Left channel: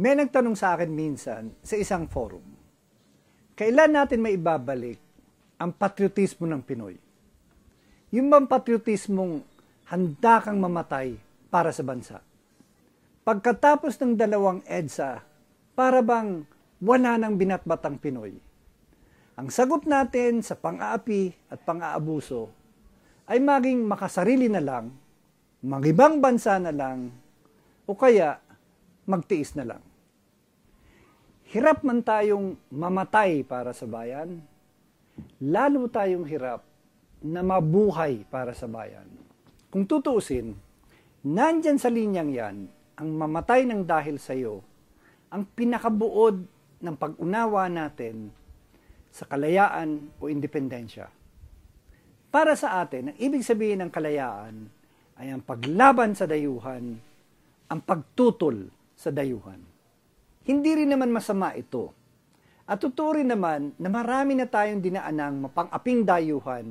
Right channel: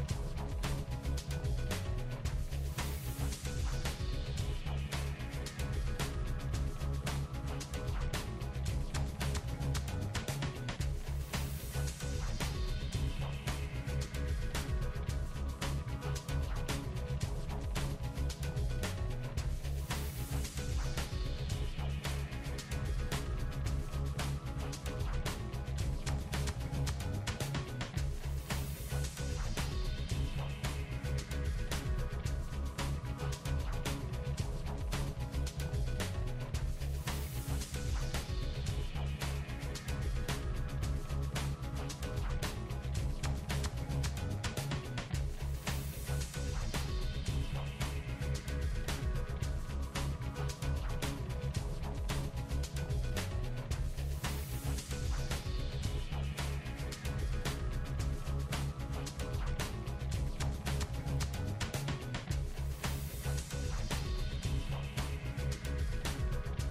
May nagtanong sa akin minsan sa isang forum, kailan natin maibabalik ang patriotismo ng Pinoy? Yung bang patriotismong handa kang mamatay para sa bansa? Pagkatapos ng 2 EDSA, para bang wala nang binatbat ang Pinoy? Ang sagot natin sa pang-aapi at pang-aabuso ay maging makasarili na lang, mag-ibang bansa na lang, o kaya magtiis na lang. Hirap man tayong mamatay para sa bayan, lalo tayong hirap na mabuhay para sa bayan. Kung tutuusin, nandyan sa linyang yan, ang mamatay ng dahil sa iyo, ang pinakabuod ng pag-unawa natin sa kalayaan o independensya. Para sa atin, ang ibig sabihin ng kalayaan ay ang paglaban sa dayuhan, ang pagtutol sa dayuhan. Hindi rin naman masama ito. At totoo rin naman na marami na tayong dinaanang mapang-aping dayuhan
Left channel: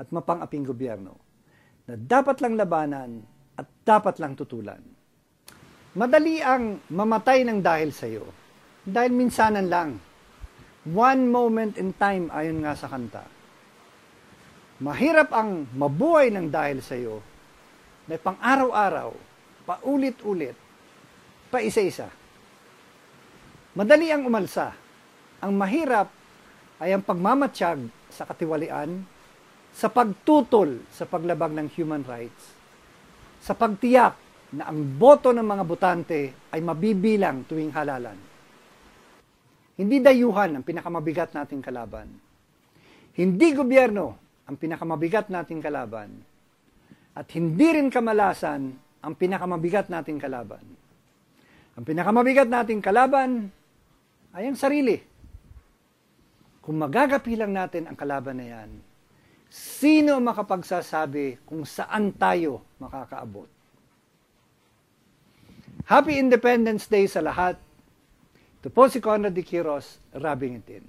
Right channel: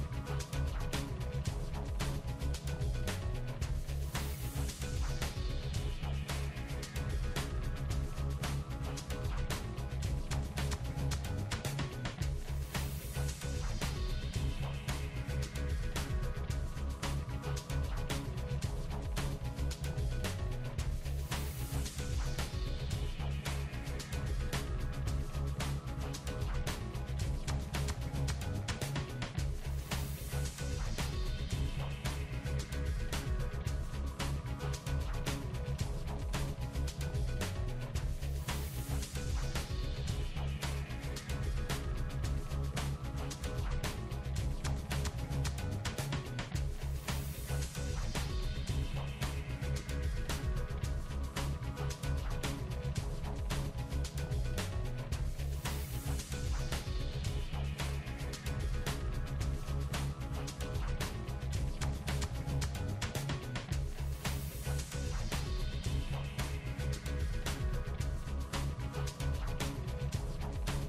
at mapang-aping gobyerno na dapat lang labanan at dapat lang tutulan. Madali ang mamatay ng dahil sa iyo dahil minsanan lang. One moment in time ayon nga sa kanta. Mahirap ang mabuhay ng dahil sa iyo na pang-araw-araw, paulit-ulit, pa isa-isa. Madali ang umalsa. Ang mahirap ay ang pagmamatsyag sa katiwalian, sa pagtutol sa paglabag ng human rights, sa pagtiyak na ang boto ng mga botante ay mabibilang tuwing halalan. Hindi dayuhan ang pinakamabigat nating kalaban. Hindi gobyerno ang pinakamabigat nating kalaban. At hindi rin kamalasan ang pinakamabigat nating kalaban. Ang pinakamabigat nating kalaban ay ang sarili. Kung magagapi lang natin ang kalaban na yan, sino makapagsasabi kung saan tayo makakaabot? Happy Independence Day sa lahat. Ito po si Conrad de Quiros, Rabing Itin.